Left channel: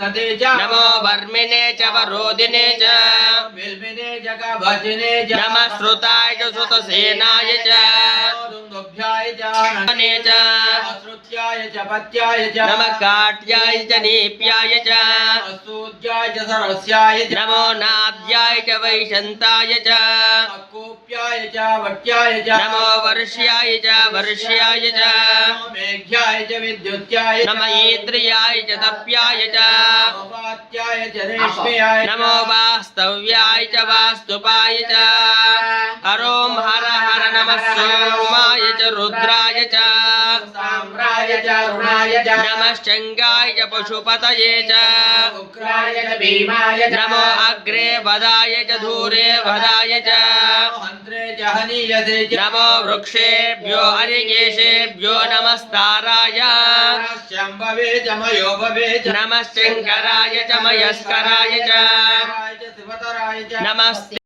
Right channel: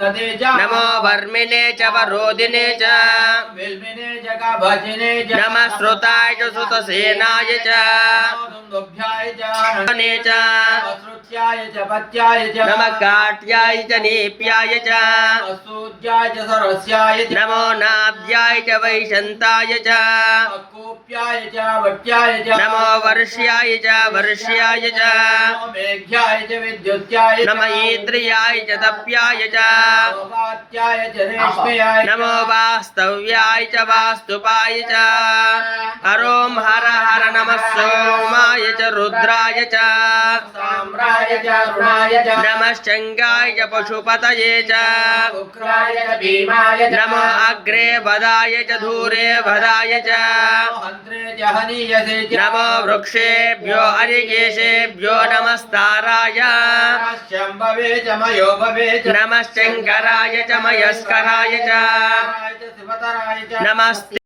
नमो वर्मिने च वरोधिने च नमः श्रुताय च श्रुतसेनाय च नमः काट्याय च नीप्याय च नमो नाद्याय च वैशन्ताय च नमो वर्ष्याय च वर्ष्याय च नमः ईन्द्रियाय च तप्याय च नमो वास्तव्याय च वास्तुपाय च हरों हर हर नमः सोमाय च रुद्राय च नमः शंगाय च पशुपतये च नमो अग्रे वदाय च धूरे वदाय च नमो वृक्षेभ्यो हरिकेशेभ्यो नमस्ताराय नमः शंकराय च मयस्कराय च नमस्ते।